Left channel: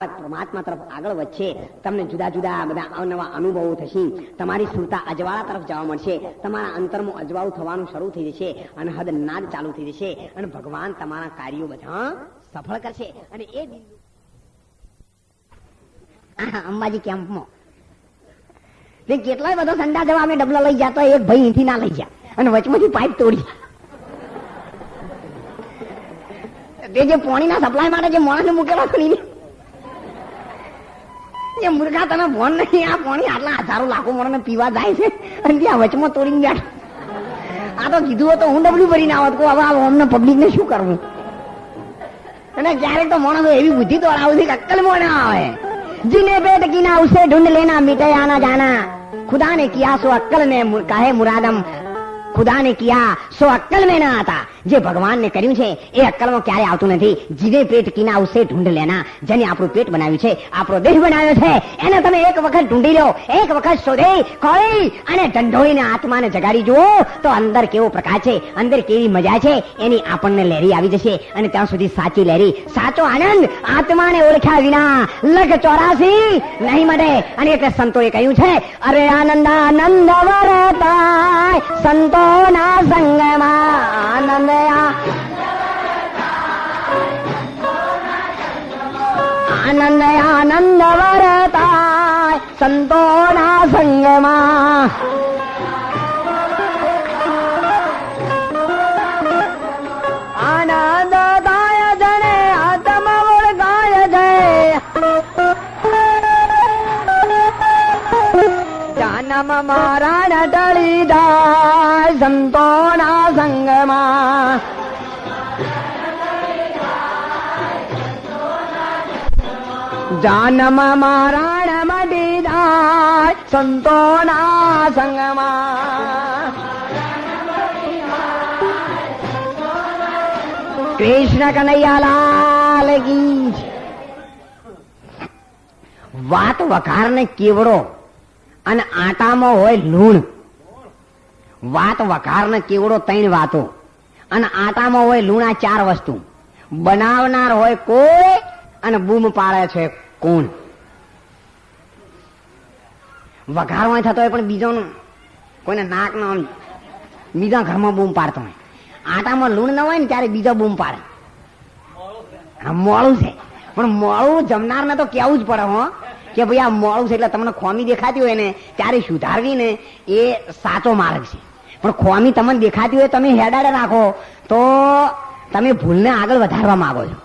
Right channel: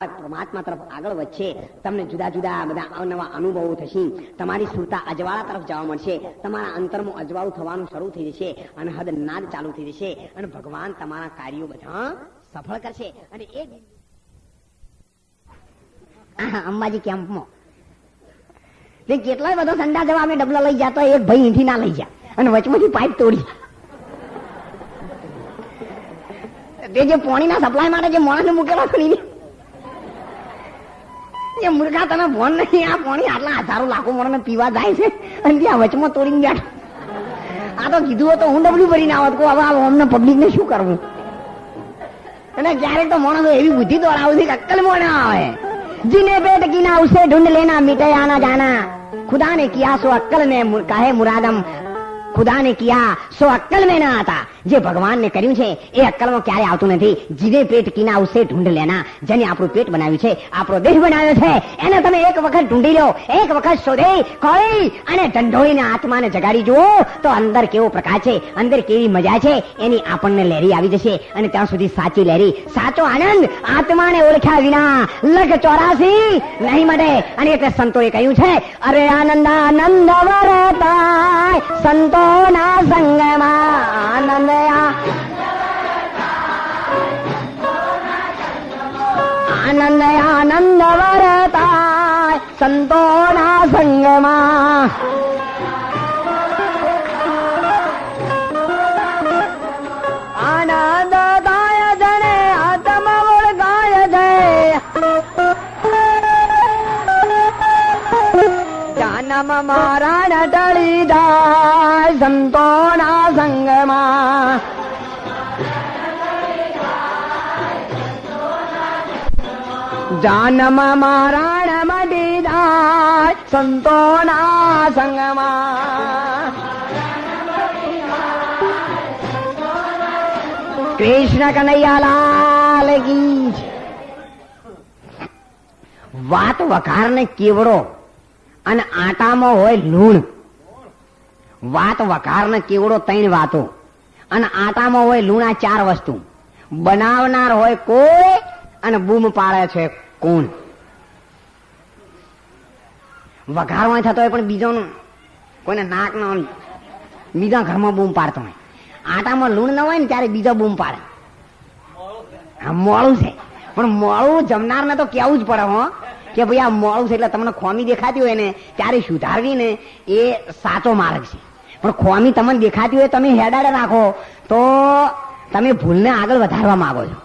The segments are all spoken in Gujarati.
પરમાત્મા તરફ આગળ વધશે, તમને જુદા જુદા બધા અવનવા અનુભવો થશે, તમારી સુરતા અજવાળા તરફ જવા મળશે, તમારા અંતરમાં અજવાળું થવાનું શરૂ થઈ જશે, અને હદ નાદ ચાલુ થઈ જશે, અને ભગવાન તમારા કાર્યો બધા સફળ કરશે. અને એ અંબાજી કેમ્પમાં કેટલા બધા સંડા જવા અમે ડબલા લઈ જતો, એક ભાઈ અહીંથી ના લઈ જાય અને વચમાંથી પાઇપ તોડી. તે જે પાણીના સપ્લાય માટે જે માણસ મૂકેલા ખરીને એ મૂર્ખા, તમે ભોન નહીં, આ પાણી આટલા હજારો લાખો માણસ પીવા જાય છે અને ત્યાં વચમાં તોડીને બેઠ. આ તો કીધું હોય તો હું ડબલું ભરીને આવત, કહું હવે અમને પબ્લિક ને શું કરવું. અને ક્યારેક તો માણસો એવી બુદ્ધિ તો આવે છે અક્કલ માં ના આવે. જીને પેટ કીના ઉસે ઢૂંઢ લેના મીટે આના જાના, खुदा ने किया सो अक्कल में काहे मुरादम, खुदा ने किया સો અક્કલ में ના હતા. જે ભગવાન ને કર્યું છે એ અક્કલમાં ક્યારે આવતું નથી. જીને પેટ કીના ઉસે ઢૂંઢ લેના, જેને આપણું પેટ બનાવ્યું છે, આપણો દેહ બનાવ્યો છે, એને તમે એક વખત ઢૂંઢી લો, એક વખત શોધી ખોળી અને ઢંઢોળીને આત્માને જગાડી જુઓ તો અંદર કેવો પ્રકાશ છે, અંદર કેવી મજા છે, એની આપણને લહેરી આવી જશે. અને ત્યાં સુધી સાચી લહેરી, સાચો આનંદ આત્માને ઓળખ્યા વિના લગ 84 નહીં મળે. અને એટલે સંતોએ કહ્યું છે, અરે આનંદ આનંદ વરતાય સંતોના સંગમાં, આનંદ આનંદ આનંદ વરતાય સંતોના સંગમાં. આનંદ દાય જને આત્મ ઓળખાય છે, જન્મ મારા ટળી જાય સંતોના સંગમાં. જન્મ મારા મળી જાય સંતોના સંગમાં. કૃષ્ણ કનૈયાલાલ કી. વાત વઘાર ને કેવડો અને આટામાં હોય લૂણ. વાત વઘાર ને કેવડો 3 વાતો, અને આટામાં હોય લૂણ, આ 4 વસ્તુ. બનાવનાર હોય કોઈ અને બૂમ પાડે છે કોણ. વઘારવા થતો હોય પણ બીજો કોઈને નાક નો બીજા ઘરમાં બૂમ પાડતો હોય. આટામાં લૂણ ન હોય ને ત્યારે બીજો બૂમ પાડે. હા, મોડું છે, પણ મોડું જમનારને તો કેવું જ પડે હો કે ભાઈ આ મોડું છે. એટલે તમને ખોમી દેખાતી હોય ને ત્યારે સુધારવી ને એ સાચો માર્ગ છે. પણ ખોમી તમને દેખાતી હોય તમે હેડાડે રાખો તો તમે ભૂલને આગળ વધારવા માંગો છો.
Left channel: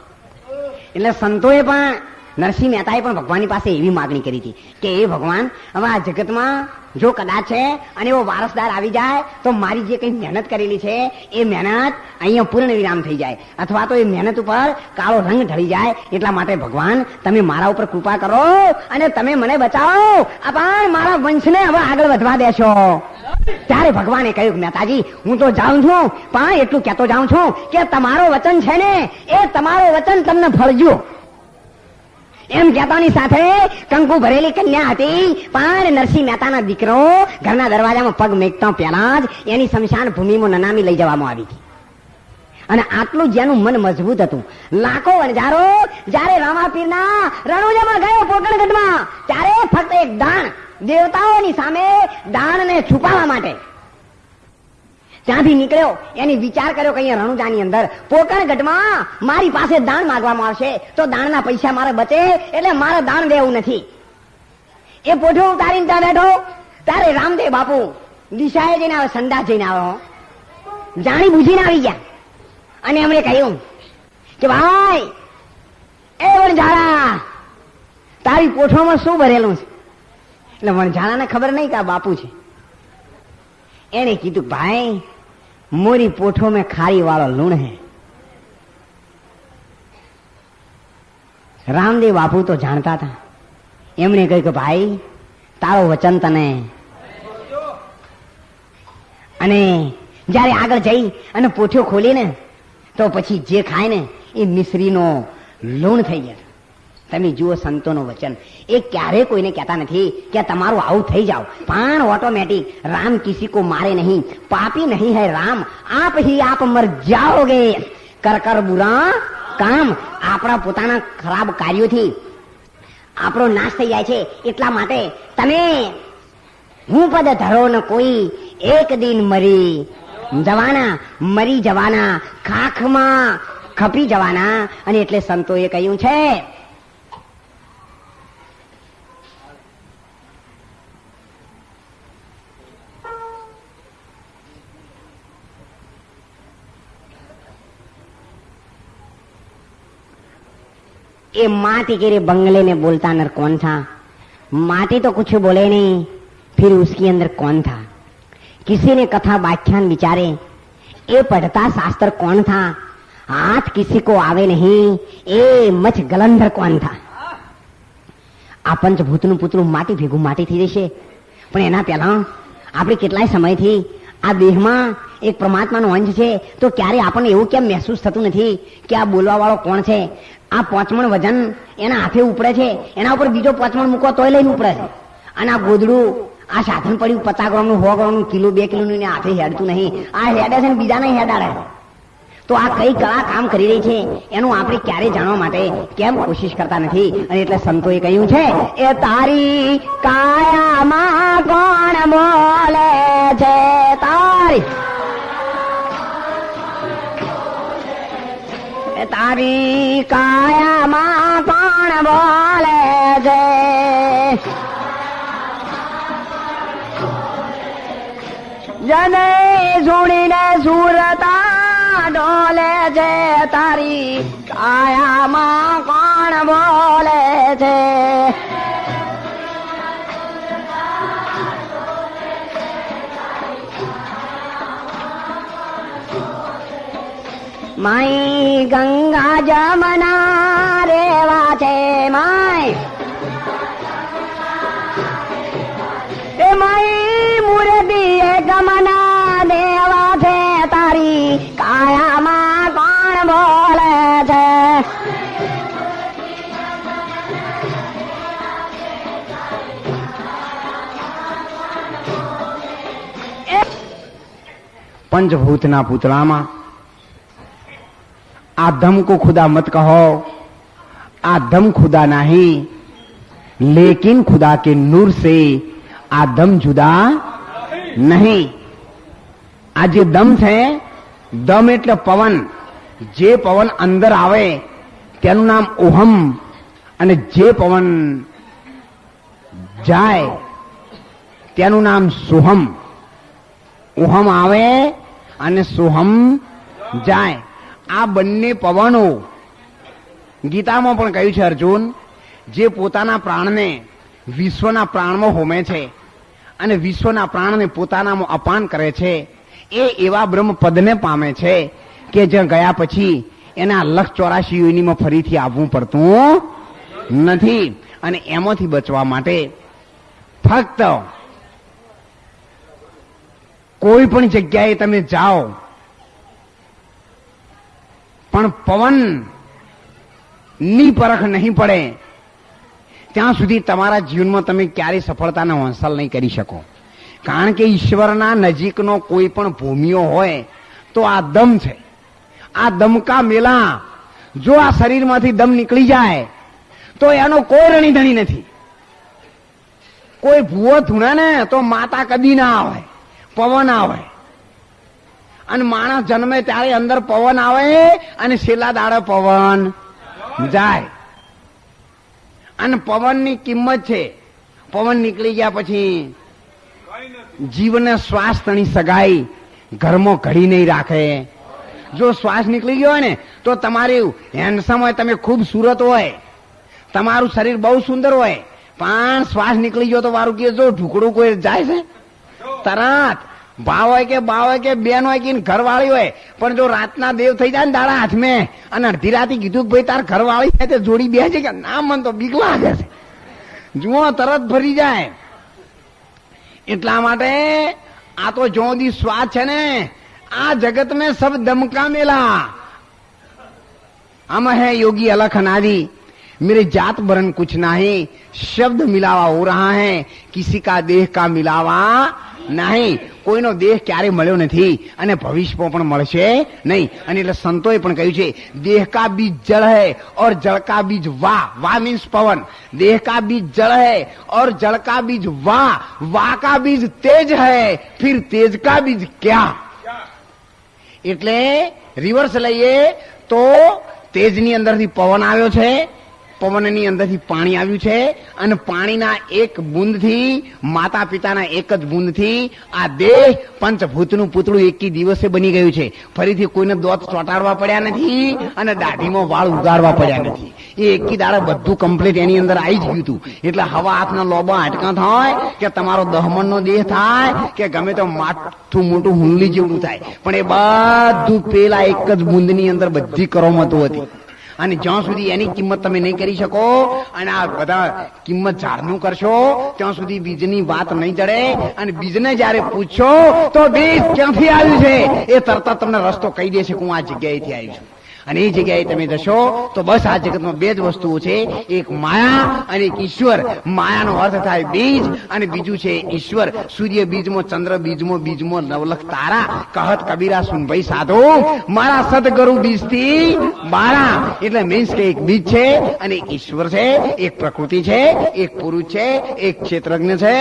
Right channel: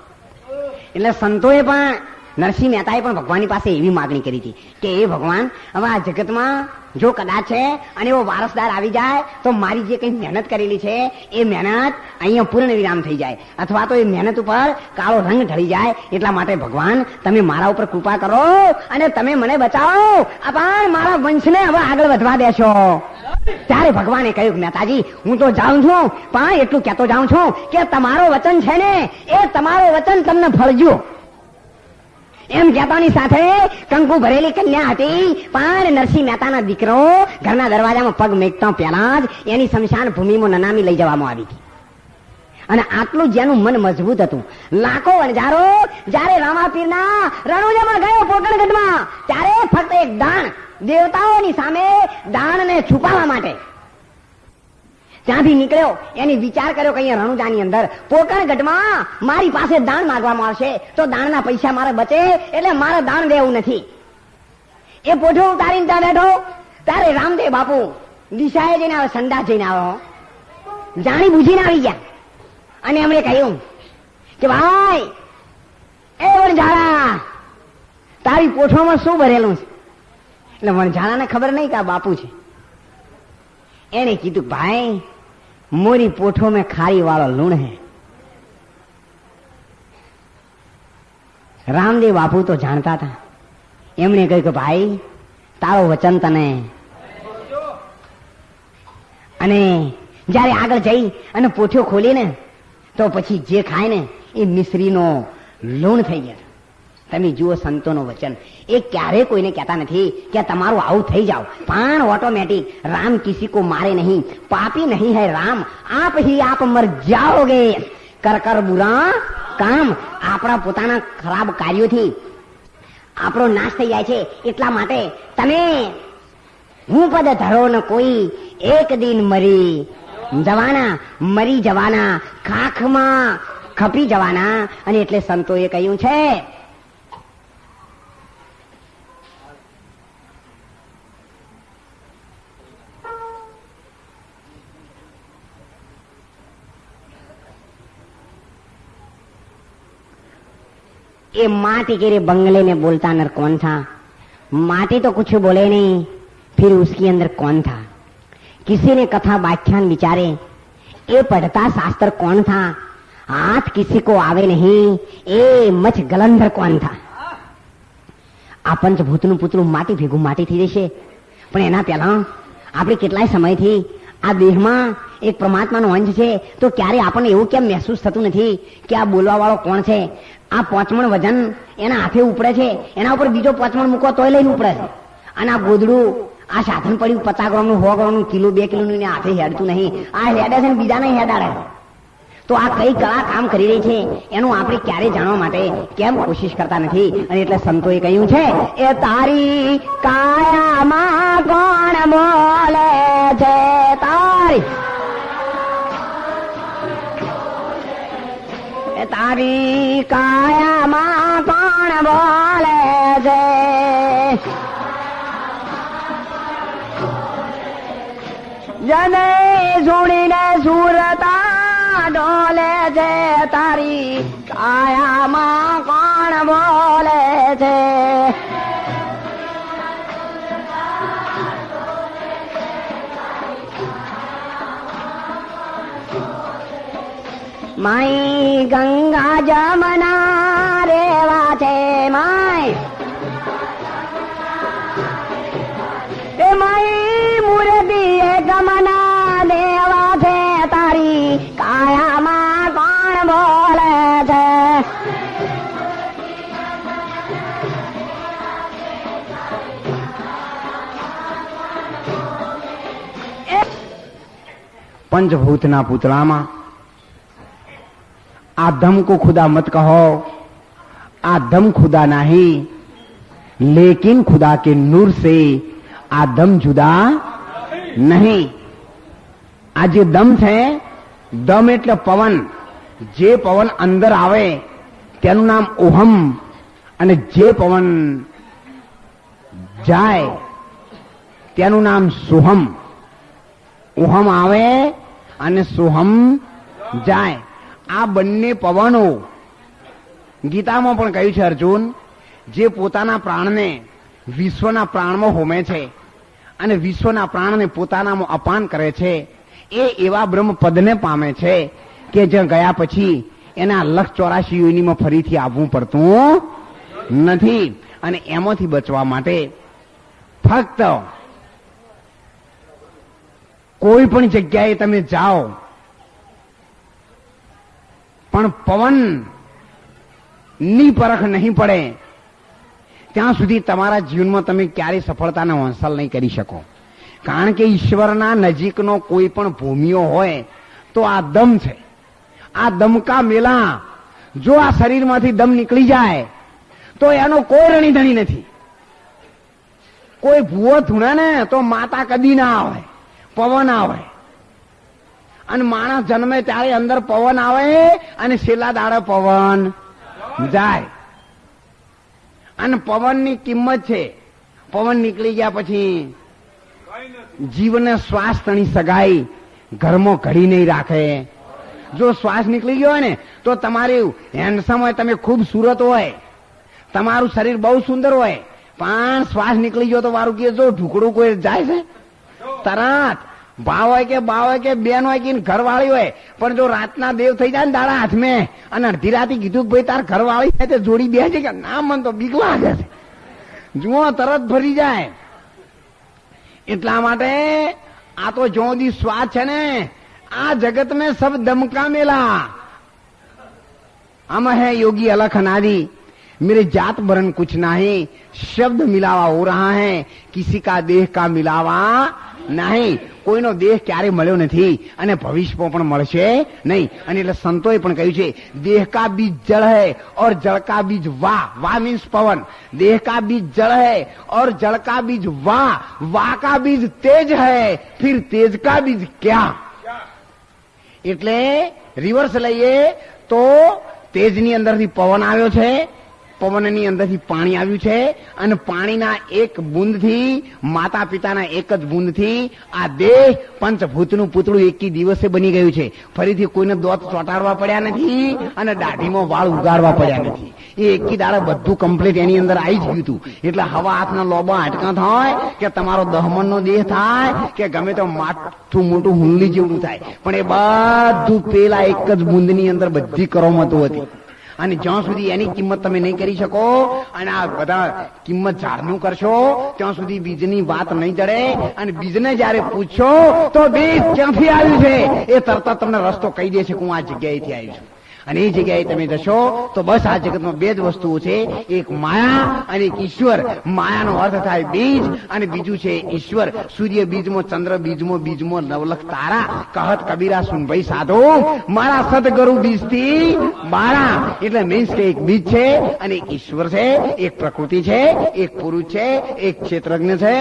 એટલે સંતોએ પણ, નરસિંહ મહેતાએ પણ ભગવાનની પાસે એવી માગણી કરી હતી કે એ ભગવાન, હવે આ જગતમાં જો કદાચ છે અને એવો વારસદાર આવી જાય તો મારી જે કઈ મહેનત કરેલી છે એ મહેનત અહીંયા પૂર્ણ વિરામ થઈ જાય, અથવા તો એ મહેનત ઉપર કાળો રંગ ઢળી જાય. એટલા માટે ભગવાન તમે મારા ઉપર કૃપા કરો અને તમે મને બચાવો, પણ મારા વંશને હવે આગળ વધવા દેશો. ત્યારે ભગવાને કહ્યું, મહેતાજી હું તો જાઉં છું, પણ એટલું કહેતો જાઉં છું કે તમારો વચન છે ને એ તમારો વચન તમને ફળજો. એમ કહેતાની સાથે કંકુ ભરેલી કન્યા હતી, પણ નરસિંહ મહેતાના દીકરો ઘરના દરવાજામાં પગ મેકતા પહેલા જ એની સ્મશાન ભૂમિમાં નનામી લઈ જવામાં આવી હતી. અને આટલું જેનું મન મજબૂત હતું, લાખો વણજારો જયારે રામાપીરના રણુજામાં ગયો પોકણગઢમાં, ત્યારે ફક્ત એક દાણ, દેવતાઓની સામે દાણને છુપાવવા માટે ત્યાંથી નીકળ્યો. એની વિચાર કર્યો કે અહીંયા રણુજાની અંદર પોકણગઢમાં મારી પાસે દાણ માંગવામાં આવશે તો દાણના પૈસા મારે બચે, એટલે મારે દાણ દેવું નથી. એ પોઠો ઉતારીને ત્યાં બેઠો ત્યારે રામદેવ બાપુ દિશાએ જઈને આવે, સંડાસ જઈને આવો, જાણી બુજીને આવી ગયા. અને એમણે કહ્યું કે ભાઈ એ વણઝારા, તારી પોઠોમાં શું ભરેલું છે? એટલે વણઝારાને ખબર નહીં કે આ બાપુ છે. એને કીધું, ભાઈ મોરી પોઠો में खारी वाला लूण है. રામદેવ બાપુ તો જાણતા હતા. એમણે કહ્યું કે ભાઈ તારો વચન તને. અને જયારે આગળ જઈ અને પોઠો ખોલીને તો પછી જે ખાય ને એ મિશ્રીનો લૂણ થઈ જાય. તમે જુઓ સંતોનો વચન, એ ક્યારે કોઈને કહેતા નથી કે તમારું આવું થઈ જાવ, પણ ઓટોમેટિક રામ કિસી को मारे नहीं, पापी नहीं है राम, आप ही आप मर जाओगे, कर कर बुरा કામ આપણા પોતાના ખરાબ કાર્યોથી આપણો નાશ થઈ જાય છે. એટલા માટે તમે હું પદ ધરો ન કોઈ એક દિન મરી જવાના ખાખમાં ખપી જવાના. અને એટલે સંતોએ કહ્યું છે ये माटी के बंगले में बोलता नर कौन था? माटी तो कुछ बोले नहीं, फिर उसके अंदर कौन था? किसी ने कथा व्याख्यान विचारे, ये पढ़ता शास्त्र कौन था? हाथ किसी को आवे नहीं, ये मच गलंधर कौन था? आ पंचभूतનું પુતળું માટી ભેગું માટી થઈ જશે, પણ એના પહેલા આપણે કેટલાય સમયથી આ દેહમાં એક પરમાત્માનો અંશ છે, તો ક્યારે આપણને એવું કેમ મહેસૂસ થતું નથી કે આ બોલવા વાળો કોણ છે? આ 5 મણ વજન એના હાથે ઉપડે છે, એના ઉપર બીજો 5 મણ મૂકો તોય લઈને ઉપડે છે. અને આ ગોદડું, આ સાધન પડ્યું 50 ગ્રામનું 100 ગ્રામનું કિલો 2 કિલોનું હાથે હેડતું નહીં, આ હેડે છે ને બીજાને હેડાડે છે. તો આ કઈ કળા કામ કરી રહી છે એનું આપણે ક્યારે જાણવા માટે કેમ કોશિશ કરતા નથી? અને એટલે સંતોએ કહ્યું છે એ તારી કાયામાં કોણ બોલે છે? તારી કાયામાં કોણ બોલે છે? જને જોડીને સુરતા ડોલે છે, તારી કાયામાં કોણ બોલે છે? માઈ ગંગા જમના રેવા છે, માઈ મુરબી ગમના દેવા છે, તારી કાયામાં કોણ બોલે છે? पंचभूतना पुतलामा आदम को खुदा मत कहो, आदम खुदा नहीं, लेकिन खुदा के नूर से आदम जुदा नहीं. આ જે દમ છે, દમ એટલે પવન. જે પવન અંદર આવે તેનું નામ ઓહમ, અને જે પવન જાય તેનું નામ સોહમ. ઓહમ આવે અને સોહમ જાય. આ બંને પવનો ગીતામાં પણ કહ્યું છે અર્જુન, જે પોતાના પ્રાણને વિશ્વના પ્રાણમાં હોમે છે અને વિશ્વના પ્રાણને પોતાનામાં અપાન કરે છે, એ એવા બ્રહ્મ પદને પામે છે કે જ્યાં ગયા પછી એના 184 યોનિમાં ફરીથી આવવું પડતું નથી. અને એમાંથી બચવા માટે ફક્ત કોઈ પણ જગ્યાએ તમે જાઓ પણ પવન ની પરખ નહીં પડે ત્યાં સુધી તમારા જીવનમાં તમે ક્યારેય સફળતાનો હાંસલ નહીં કરી શકો. કારણ કે ઈશ્વરના નજીકનો કોઈ પણ ભૂમિઓ હોય તો આ દમ છે. આ દમકા મેલા જો આ શરીરમાંથી દમ નીકળી જાય તો એનો કોઈ રણીધણી નથી. કોઈ ભૂવો ધૂણે ને તો માતા કદી ના આવે, પવન આવે. અને માણસ જન્મે ત્યારે અંદર પવન આવે અને છેલ્લા દાડે પવન જાય. અને પવનની કિંમત છે. પવન નીકળી ગયા પછી જીવને શ્વાસ તણી સગાઈ ઘરમાં ઘડી નહીં રાખે. જો શ્વાસ નીકળી ગયો હોય ને તો તમારું હેન્ડસમ હોય, તમે ખૂબસૂરત હોય, તમારું શરીર બહુ સુંદર હોય, પણ શ્વાસ નીકળી ગયો તો વારું કે જો ઢુકડું કોઈ જાય છે તરત. ભાવ હોય કે બાવ હોય કે બેન હોય કે ઘરવાળી હોય, પણ જો રાતના દેવ થઈ જાય ને દાડા હાથમાં અને અડધી રાતે કીધું કે ભાઈ તાર ઘરવાળી થાય તો જોડી બે છે કે ના, મન તો બીક લાગે છે, જુઓ તરત ભરી જાય. એટલા માટે આ તો જો દી શ્વાસ છે ને, આ જગત में सब दम का मेला. हम है योगी अलख अनादि, मेरे जात बरन कुछ नहीं, शब्द मिलावा हो रहा है, किसी का देह का मिलावा નહીં, કોઈનો દેહ ક્યારે મળ્યો નથી અને ભવિષ્યમાં પણ મળશે નહીં. અને એટલે સંતોએ પણ કહ્યું છે, દેહ કા બીજ જળ હૈ और जल का बीज वाह, वाह मीन्स पवन, देह का बीज जल है और जल का बीज वाह, वाह का बीज तेज है, फिर तेज का बीज क्या. એટલે રિવર્સ લઈએ તો તેજની અંદરથી પવન આવ્યો છે, પવનની અંદરથી પાણી આવ્યું છે અને પાણીના એક બુંદથી, માતા પિતાના એક જ બુંદથી આ દેહ પંચભૂતનું પૂતળું એકી દિવસે બની ગયું છે. ફરીથી કોઈને દોત ચોટાડવા પડ્યા નથી અને દાઢીમાં વાળ ઉગાડવા પડ્યા નથી. એ એકી દાડે બધું કમ્પ્લીટ એની અંદર આવી જ ગયું હતું. એટલે હવા હાથના લોબા હાટકા થાય કે તમારો દહમણનો દેહ થાય કે ગમે તો માથું મોટું હુંડલી જેવું થાય, પણ એ બધું પેલા એક જ બુંદની અંદર બધી કરોમતો હતી. અને જ્યાં સુધી એની કિંમત તમે નહીં કરી શકો અને આ બધા કિંમત ઝાડનું કરશો ત્યાં સુધી બીજની વાત નહીં જડે. અને બીજને જયારે પૂછશો તો બીજ ક્યાંથી આવ્યું છે એ તરત તમને રસ્તો કહી દેશે કે હું આ જગ્યાએથી આવ્યું છું. અને એ જગ્યાએ તમે જશો તો બસ આ જગતમાં બે જ વસ્તુઓ છે, એક માયા અને એક ઈશ્વર. માયાનો અર્થ થાય બીજ અને બીજું છે ઈશ્વર. સૂર્ય બીજમાં, ચંદ્ર બીજમાં નવલખ તારા, કહત કબીરા સુન ભાઈ સાધુ, મારા સદગુરુ બીજથી બારા. એટલે મીન્સ કે એક બીજ છે અને એક ઈશ્વર છે, એક પ્રકૃતિ છે, એક પુરુષ છે, એક ક્ષેત્રજ્ઞ છે,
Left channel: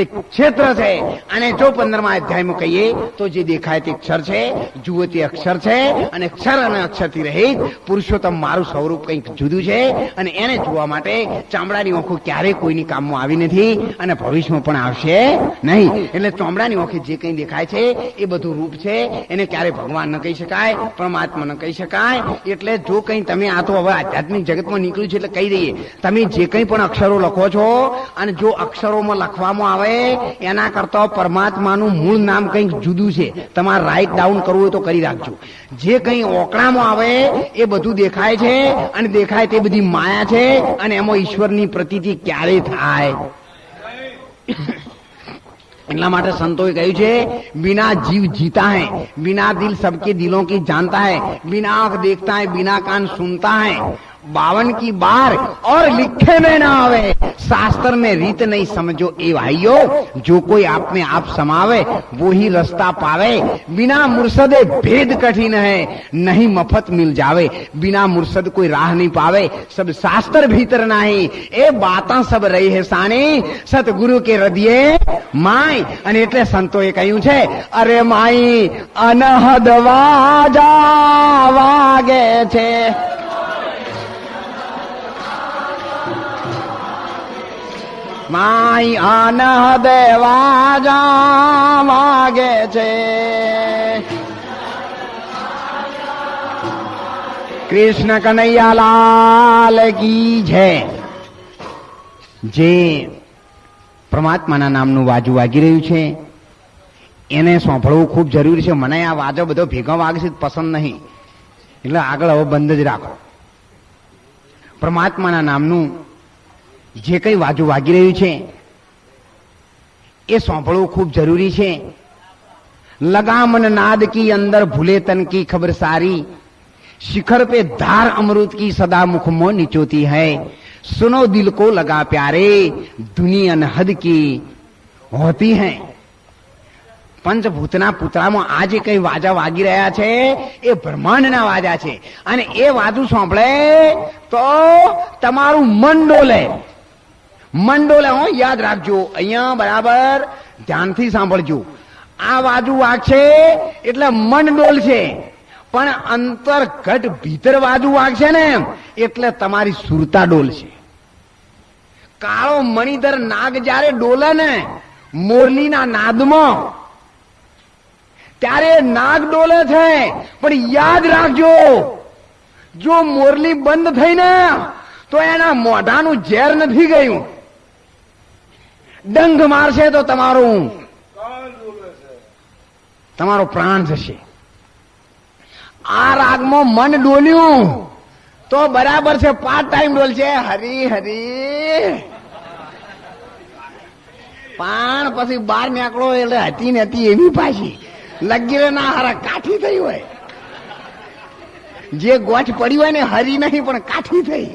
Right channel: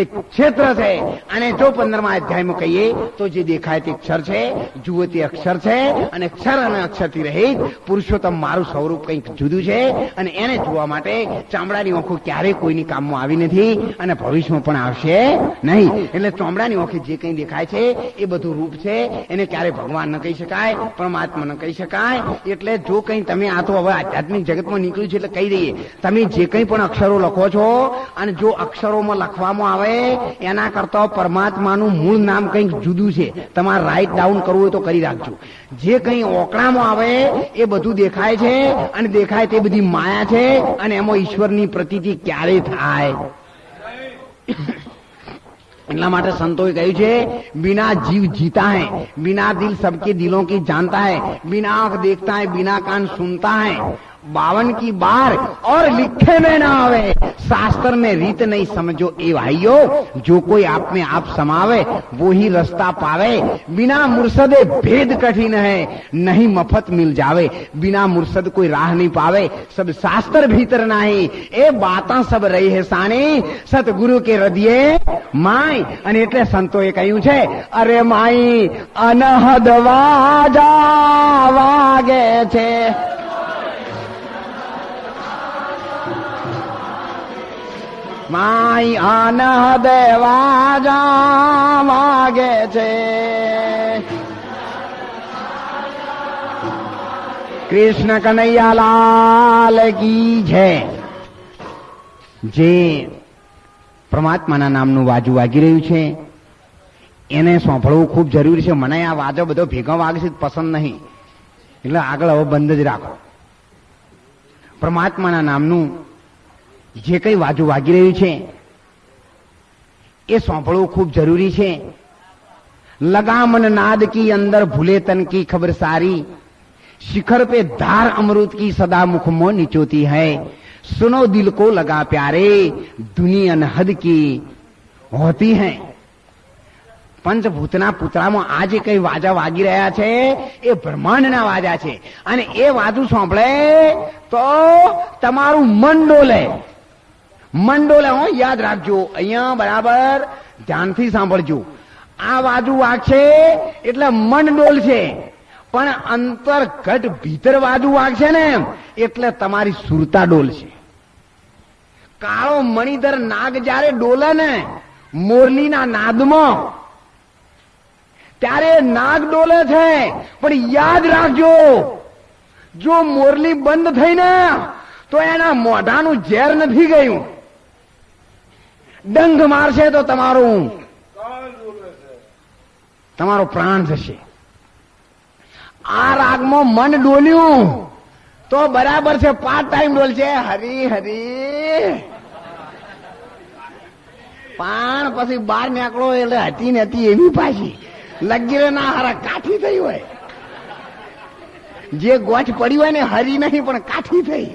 એક ક્ષેત્ર છે. અને જો 15મા અધ્યાયમાં કહીએ તો જે દેખાય તે અક્ષર છે, જુઓ તે અક્ષર છે. અને અક્ષર અને અક્ષર રહિત પુરુષોત્તમ મારું સ્વરૂપ કંઈક જુદું છે અને એને જોવા માટે ચામડાની આંખો ક્યારેય કોઈની કામમાં આવી નથી અને ભવિષ્યમાં પણ આવશે નહીં. એટલે ચામડાની આંખે જે કંઈ દેખાય છે એ બધું રૂપ છે, એને ક્યારેય ભગવાન ન કહી શકાય, પરમાત્મા ન કહી શકાય. એટલે જો કંઈ તમે આ તો હવે આધ્યાત્મિક જગતમાં નીકળ્યું છે એટલે કહી દઈએ, તમે જે કંઈ પણ અક્ષરો લખો છો અને જો અક્ષરોમાં લખવામાં આવે એના કરતા પરમાત્માનું મૂળ નામ કંઈક જુદું છે. તમારે રાઇટ ડાઉન કરવું હોય તો કરી રાખજો. જે કંઈ ઓકળામાં આવે એ બધું દેખાય છે અને દેખાય તે બધી માયા છે અને એમાં ઈશ્વરની પ્રતીતિ ક્યારે થાય. એટલા માટે સંતોએ કહ્યું છે, बिना जीव जीता है, बिना दिल सबके दिलों की जानता है, बिना आंख देखता है, बिना कान सुनता है, 52 की बार और लिखे में ना आवे, शास्त्र में रीत नहीं समझो ए भाइयों, जो कोई आप में आप समावे वो ही रास्ता पावे. बिना मुर्शदे भेद कठिन है, नहीं मफत मिल जावे, बिना मुर्शद कोई राह नहीं पावे, सब शास्त्र भीतर नहीं, ए बाता सब रही है सानी, सतगुरु के हृदय माई. અને એટલે સંતોએ કહ્યું છે, અરે માઈ અનહદ વાજા વાગે છે, માઈ અનહદ વાજા વાગે છે. કૃષ્ણ કનૈયા લાલ કી જય. જે પરમાત્માના નામનું વાજુ વાગી રહ્યું છે એને સાંભળવું ખૂબ જરૂરી છે. મને આ વાજો બધો ભેગા વાગશે પસંદ નહીં, એટલે આગળ હવે બંધ જ રાખો. પરમાત્માના નામનું જે કંઈ વાજુ વાગી રહ્યું છે એ સાંભળવું ખૂબ જરૂરી છે. लगामन नाद की अंदर भूले तन की खबर सारी, शिखर पे धार अमृत की सदा मुख में निचोती है, सुनो दिल को लगा प्यारे दुनिया अनहद की होती है. પંચભૂતના પુતળામાં આ જે કઈ વાજા વાગી રહ્યા છે એ બ્રહ્માંડના વાજા છે, અને એ વાજુ સાંભળે તો તમારું મન ડોલે. મન ડોલે હો, યાદ રાખજો. અહીંયા બરાબર ધ્યાનથી સાંભળજો. આ વાજુ વાગશે એટલે મન ડોલશે, પણ અંતર્ગત ભીતર વાજુ વાગશે ને એટલે તમારી સુરતા ડોલશે. કાળો મણિધર નાગ જયારે ડોલે ને મોરલીના નાદમાં, ત્યારે નાગ ડોલે છે, પણ યાદ રાખજો જો મોરલી બંધ થઈ ને તો એના મોઢાનું ઝેર નથી ગયું. ડંખ મારશે તો તમારો પ્રાણ જશે. આ રાગમાં મન ડોલ્યું તો બરાબર છે, 5 ટાઈમ ડોલશે હરી હરી, પણ પછી બહાર નીકળો એટલે હતી ને હતી એવી પાછી લગીરે ના હારા કાઠી થઈ હોય. જે ગોઠ પડી હોય ને હરી નહીં પણ કાઠી થઈ.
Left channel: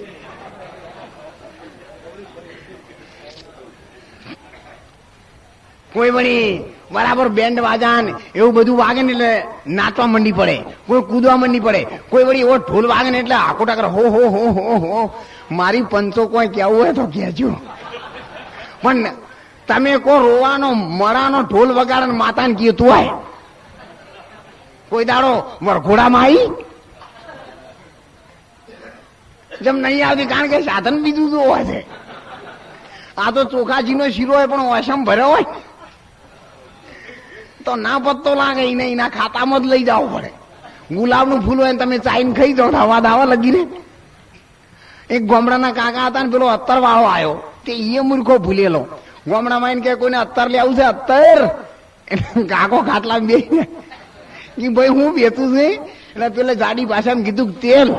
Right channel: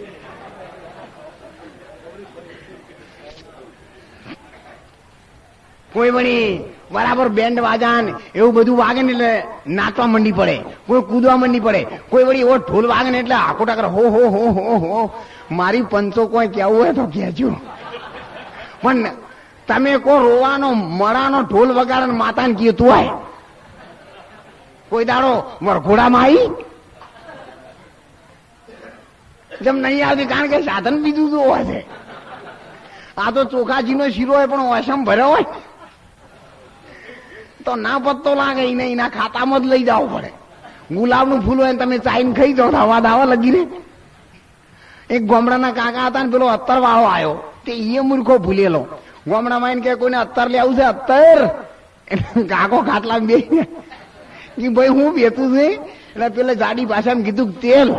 કોઈ વળી બરાબર બેન્ડ વાજાન એવું બધું વાગે ને એટલે નાચવા મંડી પડે, કોઈ કૂદવા મંડી પડે, કોઈ વળી એવો ઢોલ વાગે ને એટલે આખો ટાકર હો હો હો હો હો. મારી પંચો કોઈ કેવું હોય તો કહેજો, પણ તમે કો રોવાનો મળાનો ઢોલ વગાડે માતાને કીધું હોય કોઈ દાડો વરઘોડામાં આવી જેમ નહીં આવતી, કારણ કે સાધન બીજું તો હોય છે. આ તો ચોખાજીનો શીરો હોય પણ ઓસમ ભર્યો હોય તો ના પત્તો લાગે, એને એના ખાતામાં જ લઈ જવું પડે. ગુલાબનું ફૂલ હોય તમે ચાઈને ખાઈ જાઓ હવા દાવા લગીને. એક ગામડાના કાકા હતા ને પેલો અત્તર વાળો આવ્યો, તે એ મૂર્ખો ભૂલેલો. ગામડામાં એને કે કોઈને અત્તર લેવું છે અત્તર, એટલે કાકો ખાટલા બે કે ભાઈ હું બેતું છે, એટલે પેલા જાડી ભાષામાં કીધું તેલ,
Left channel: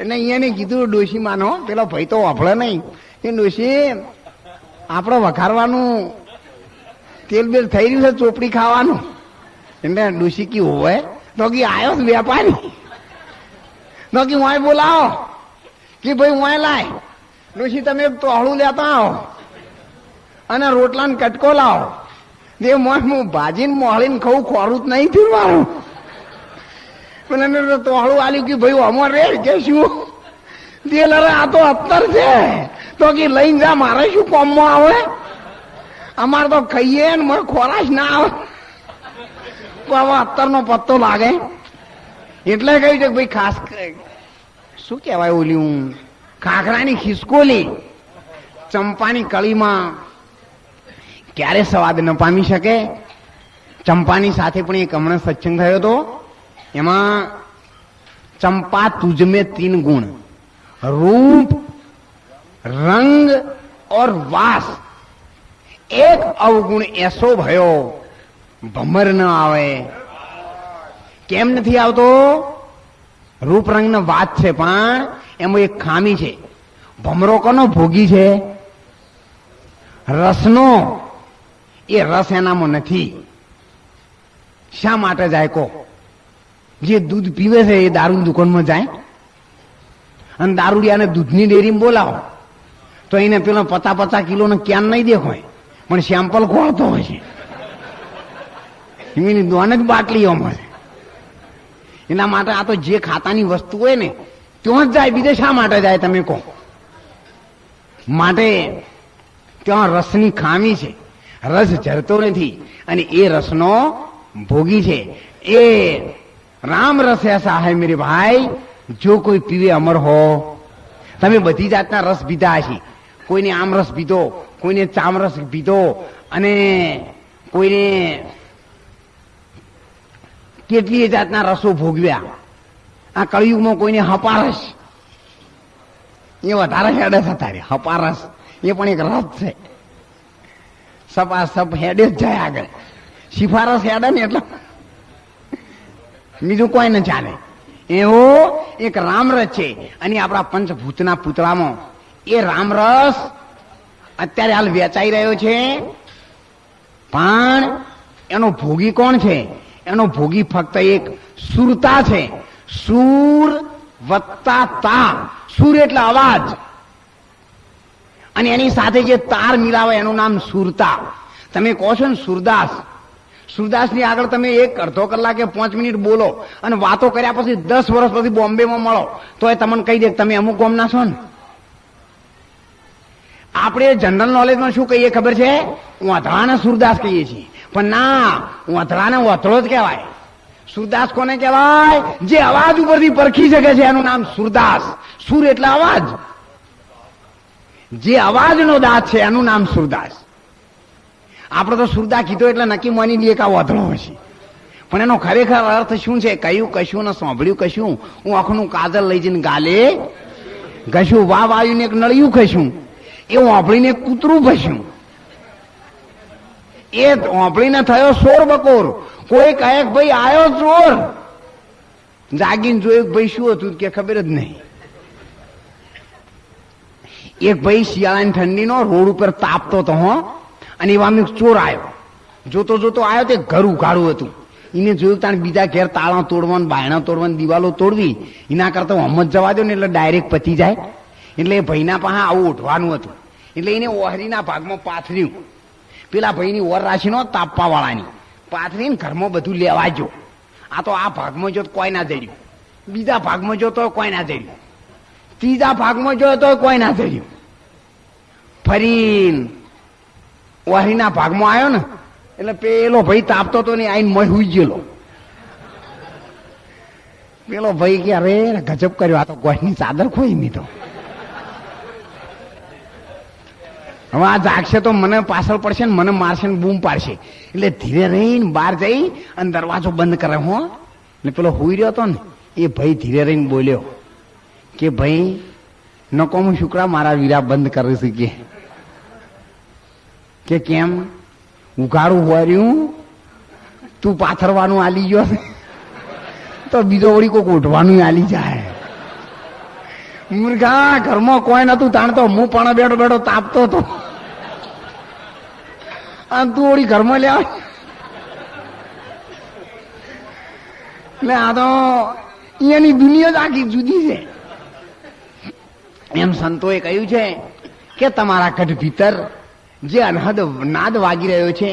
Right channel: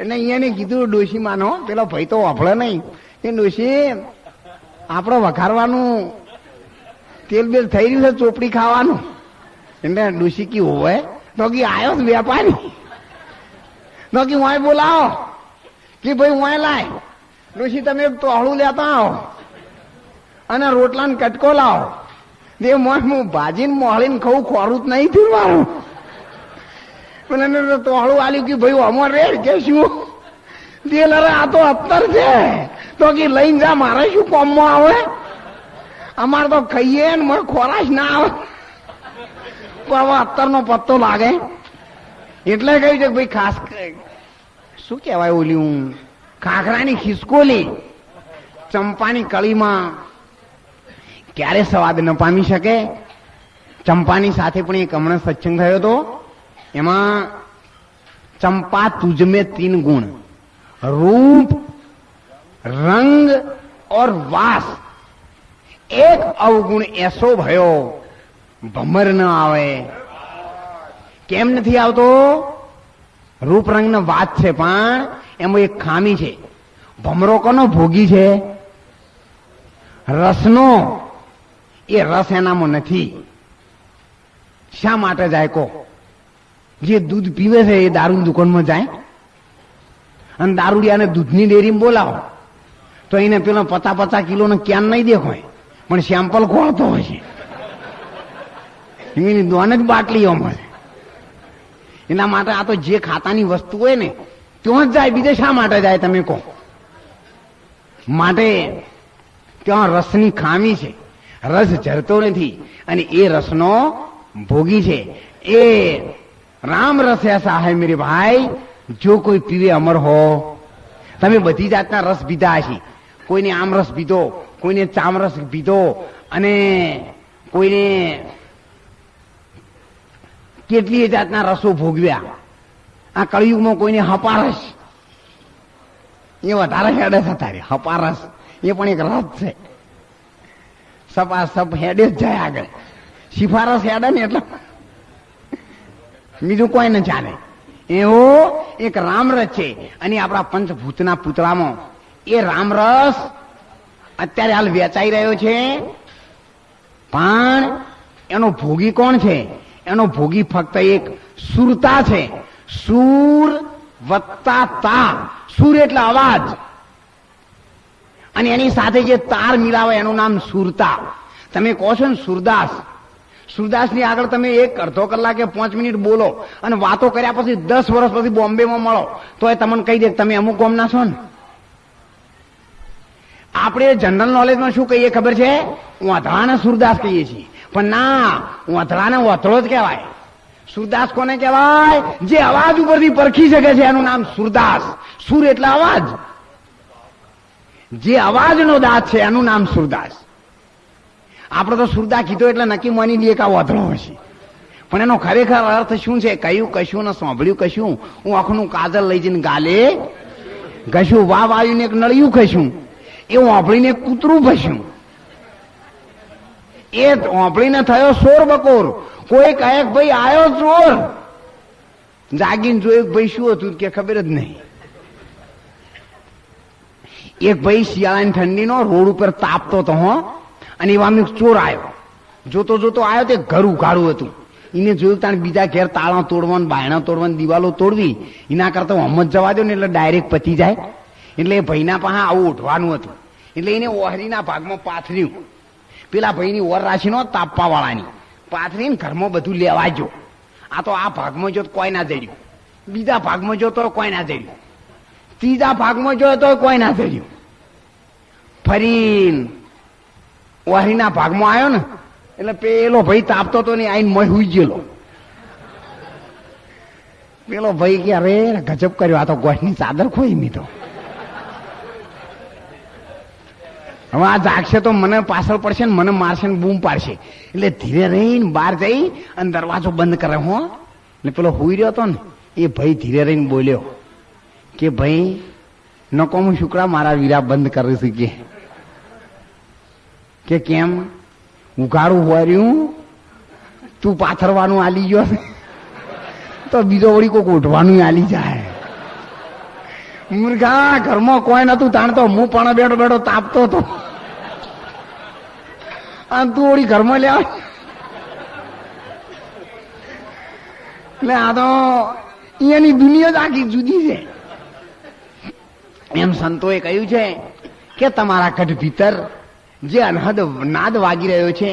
એટલે અહીંયાને કીધું ડોશી માનો, પેલો ભાઈ તો વાપરે નહીં કે ડોશી આપણે વઘારવાનું તેલ બેલ થઈ રહ્યું છે, ચોપડી ખાવાનું. એટલે ડોશી કી હોય તો કે આવ્યો વેપારી તો કે વાય બોલાવો કે ભાઈ વાય લાય ડોશી તમે ટોહળું લેતા આવો અને રોટલા ને કટકો લાવો. જે મોસ હું ભાજીને મોહળીને ખાવું ખોરું જ નહીં થયું મારું. પેલા ટોહળું આલી ગયું ભાઈ અમાર રે કે શું તેલ, અરે આ તો અત્તર છે તો કે લઈને જા, મારે શું કોમમાં આવે, અમારે તો ખાઈએ ને મને ખોરાશ ના આવે. હવે અત્તરનો પત્તો લાગે એટલે કહ્યું છે ભાઈ ખાસ શું કહેવાય ઓલી હું ખાખરાની ખિસકોલી ચંપાની કળીમાં ક્યારે સ્વાદ ન પામી શકે. ચંપાની સાથે પણ એક હમણાં સત્સંગ થયો હતો, એમાં ચંપા તુજમે 3 ગુણ रूप रंग और वास, एक अवगुण ऐसो भयो भमर न આવે. કેમ નથી આવતો? રૂપ રંગ નો વાત છે પણ એમાં એક ખામી છે. ભમરો કોનો ભોગી છે? રસનો. એ રસ એનામાં નથી. શા માટે જાય કો? જે દૂધ પીવે છે એ દારૂની દુકાનમાં જાય અને દારૂડિયાને દૂધની ડેરીમાં બોલાવો તો એને પેલો 50-50 કિલોનો ક્યાન નહીં દેખાય, પણ સેમ્પલ ખોળતો હોય છે. એની દોન જ બાટલીઓ મળે. એના માટે આ તો જે ખાતાની વસ્તુ હોય ને ત્યાં જ જાય, બીજે શા માટે જાય તમે કહો? માટે ત્યાં રસની ખામી છે, રસ ઝરતો નથી અને એ રસનો ભોગી છે. એ રામ રસ એસા હૈ મેરે ભાઈ જો કોઈ પીવે અમર હો. તમે બધી જાતના રસ પીધા હશે, કોઈને આમ રસ પીધો, કોઈને ચામ રસ પીધો અને કોઈને કેટલી જાતના રસો ભોગવ્યા. આ કળિયુગમાં કોઈને હપારસ, એ વધારે હેડસ હતા. હપારસ એ પણ એક રસ છે. સપા સપ હેડે જ જાય આગળ. સિફારસ હેડે ને એટલે બીજું કોઈ ન ચાલે. એવો એક રામરસ છે અને આપણા પંચભૂતના પુતળામાં એ રામરસ અત્યારે હાલ વેચાઈ રહ્યો છે. પણ એનો ભોગી કોણ છે? એનો ભોગી ફક્ત એક સુરતા છે. સુર વત્તા તા. સુર એટલે અવાજ અને એની સાથે જે તાર મિલાવે એનું નામ સુરતા. તમે કહો છો ને સુરદાસ, સુરદાસની આગળ તમે 1-અડધો કલાકે 5 મિનિટ બોલો અને વાતો કર્યા પછી 10 વર્ષ પછી બોમ્બેમાં મળો તો એ તમને કહી દે તમે અમુક ગામના છો ને. આપણે જનરલ નોલેજમાં શું કહીએ ખબર છે? વાંધળાને સુરદાસ કહીએ છીએ, પણ ના, વાંધળાને વાંધળો જ કહેવાય. સુરદાસ કોને કહેવાય? જે અવાજ ઉપરથી પરખી શકે છે એનું નામ સુરદાસ. સુર એટલે અવાજ, જે અવાજનો દાંત છે એનું નામ સુરદાસ. આપણે તો સુરદા કીધો એટલે નક્કી માની લઈએ કે આ વાંધળો હશે, પણ એનો ખરેખર અર્થ શું છે? કહ્યું કશું ને સાંભળ્યું કશું. હું આંખનું કાજલ લઈ જઈને ગાલે ઘશું, વાવ આવીને એક નળિયું ખશું, એ વાંભળીને કૂતરું ભસ્યું. એ વાંભળીને થયો શોર બકોર. કોઈ કહે કે ભાઈ આવ્યો ચોર, જાગીને જોયું ભાઈ શું હતું કે ખબર જ નહીં. એક ભાઈ શિયાળાની ઠંડીનો રોડ ઉપર તાપતો હતો અને એવામાં ચોર આવ્યો. જોતો જોતો આવ્યો તે ઘર ઉઘાડું હતું. એને જોયું તાણ બીજા ઘેર તાળા તોડવાનું, બાયણા તોડવાની, દિવાલો તોડવી, એના કરતા હમ જ જવા દો ને એટલે ડાયરેક્ટ પતી જાય. એટલે એ ભાઈના પાસે આવું ઉઠવાનું હતું એટલે એને ઓહરીના ભાગમાં પાથર્યું. પેલા ભાઈની ઓર રાશિનો તાપવા વાળાની પાથરીને ઘરમાં બધું લેવાજો. આ તો આ ભાગમાં જો કોઈ ના જડ્યું, બીજા ભાગમાં જો તો કોઈ ના જડ્યું, ત્રીજા ભાગમાં જો તો કોઈ ના જડ્યું. ફરી ઓહરીના ભાગમાં આવ્યો ને એટલે પેલો ભાઈ તાપતો તો ને આઈને મય હુઈ ગયેલો. પેલો ભાઈ કે અરે ગજબ કર્યો, આ તો ગોઠની ચાદર ખોઈ મી તો. હવે આ જાગશે તો મને પાછળ પડશે ને મને મારશે ને બૂમ પાડશે. એટલે ધીરે રહીને બહાર જઈ અને દરવાજો બંધ કરે. હો ને પેલો હુઈ રહ્યો હતો ને એ ભાઈ ધીરે રહીને બોલ્યો કે ભાઈ નકો હું શુક્રા મારા વીરા બંધ કરી શકીએ કે કેમ ઉઘાડું હોર્યું તું પાથરવાનું આલી ગયો તો બીજો વળી કોઈ ગોઠવાનું આલી જાય. મુર્ગા ઘરમાં કોઈ નતું તાણતો, હું પણ બેઠો બેઠો તાપતો હતો અને તું વળી ઘરમાં લે. એટલે આ તો અહીંયાની દુનિયા જ આખી જુદી છે. એમ સંતોએ કહ્યું છે કે તમારા કઢ ભીતર જે અનહદ નાદ વાગી રહ્યો છે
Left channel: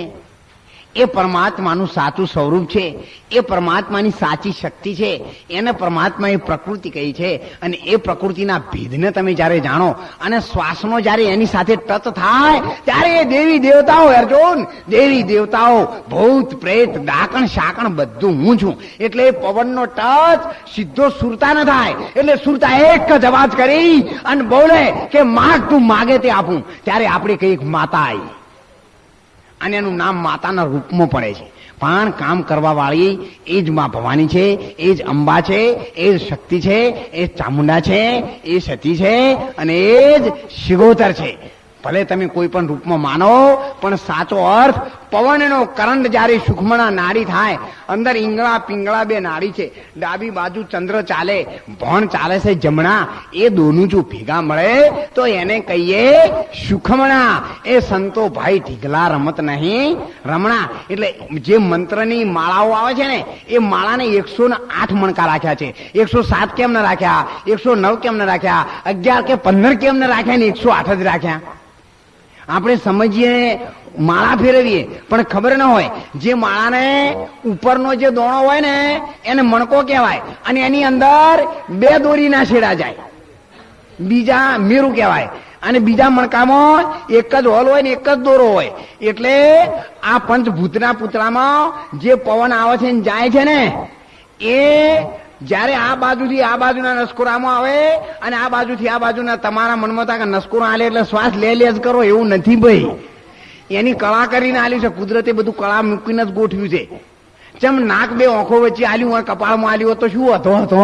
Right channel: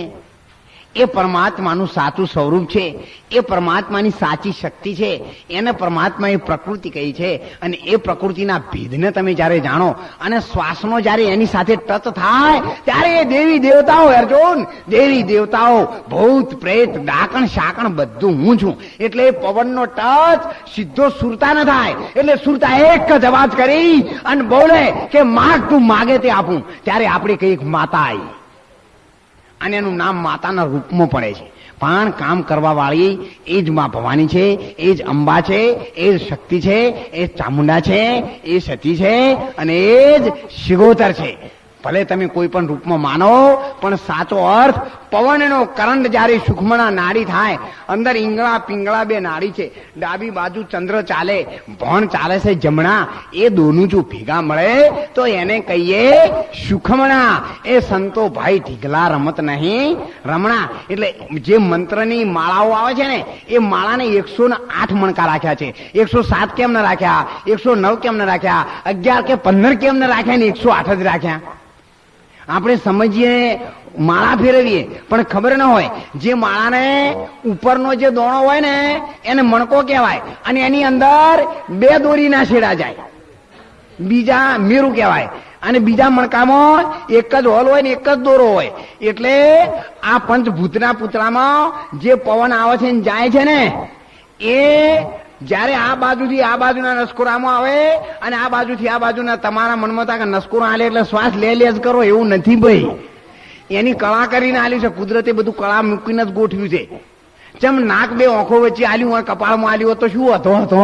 એ પરમાત્માનું સાચું સ્વરૂપ છે, એ પરમાત્માની સાચી શક્તિ છે, એને પરમાત્માએ પ્રકૃતિ કહી છે. અને એ પ્રકૃતિના ભેદને તમે જ્યારે જાણો અને શ્વાસનો જ્યારે એની સાથે ટચ થાય ત્યારે એ દેવી દેવતાઓ, અર્જુન દેવી દેવતાઓ, ભૂત પ્રેત ડાકણ શાકણ બધું હું છું. એટલે પવનનો ટચ સીધો સુરતા ન થાય. એટલે સુરતા એક જ અવાજ કરી અને બોલે કે માગ તું માગે તે આપું. ત્યારે આપણે કઈ માતા આવી અને એનું નામ માતાના રૂપમાં પડે છે. પણ કામ કરવા વાળી એ જ માં ભવાની છે, એ જ અંબા છે, એ જ શક્તિ છે, એ ચામુંડા છે, એ સતી છે અને એ જ શિગોતર છે. ભલે તમે કોઈ પણ રૂપમાં માનો પણ સાચો અર્થ પવનનો કરંટ જ્યારે સુખમણા નાડી થાય, અંદર ઈંગળા પિંગળા બે નાડી છે, ડાબી બાજુ ચંદ્ર ચાલે, ભણ ચાલે છે જમણા, એ દોનું જો ભેગા મળે તો એને કહીએ સુખમણા. એ સંતો ભાઈ ઢીગલા રમત નહીં રમણા. એટલે જે મંત્રની માળાઓ આવે છે ને એ માળાને 108 મણકા રાખ્યા છે. 107 કેમ ન રાખ્યા, 109 કેમ ન રાખ્યા, 11 કે 15 કેમ ન રાખ્યા ને 108 જ રાખ્યા. આપણે સમજીએ માળા ફેરવીએ પણ ખબર ન હોય જે માળાને ઉપરનો જે દોણો હોય ને એને મણકો કહેવાય અને એની અંદર 2 દોરીના છેડા જાય, બીજા મેરું કહેવાય. અને બીજા મણકામાં એક જ હોલ હોય ને એક જ દોરો હોય. એટલે આ પંચભૂતના પુતળામાં જે પવન આવે છે ને જાય છે ને એ જયારે આ બાજુથી આ બાજુના નસકોરામાં આવે અને આ બાજુથી આ બાજુના તમારા મનમાં થાય કે નસકોરા આલે એટલે શ્વાસ લે જ કરો, એવું નથી ભાઈ. એની કળા કરીને આલ્યું છે કુદરતે, બધું કળા મૂકીને જ ગોઠવ્યું છે. જેમ નાક 2 આંખો વચ્ચે આલ્યું હોય, કપાળમાં આલ્યું હોય તો શું હતો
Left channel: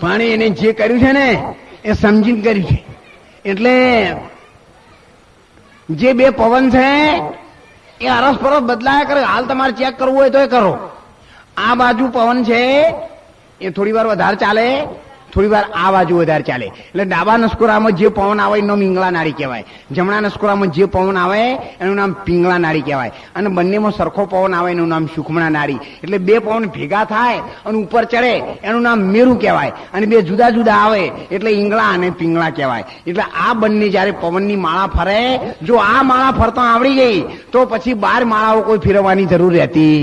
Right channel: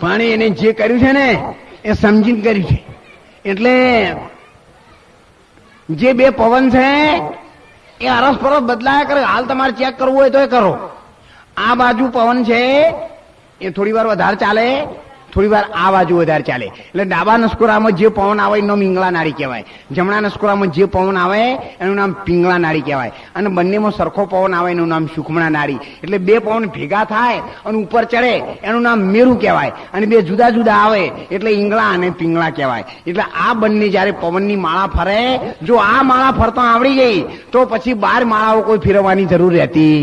પણ એને જે કર્યું છે ને એ સમજીને કર્યું છે. એટલે જે 2 પવન છે એ અરસપરસ બદલાયા કરે. હાલ તમારે ચેક કરવું હોય તો કરો. આ બાજુ પવન છે એ થોડી વાર વધારે ચાલે, થોડી વાર આ બાજુ વધારે ચાલે. એટલે ડાબા નસકોરામાં જે પવન આવે એનું નામ ઈંગળા નાડી કહેવાય, જમણા નસકોરામાં જે પવન આવે એનું નામ પિંગળા નાડી કહેવાય, અને બંનેમાં સરખો પવન આવે એનું નામ સુખમણા નાડી. એટલે 2 પવન ભેગા થાય અને ઉપર ચડે એનું નામ મેરું કહેવાય, અને 2 જુદા જુદા આવે એટલે ઈંગળા અને પિંગળા કહેવાય. એટલે આ બંને જયારે પવનની માળા ફરે, જો આ માળા ફરતા આવડી ગઈ તો પછી 12 માળાઓ કોઈ ફેરવવાની જરૂર રહેતી.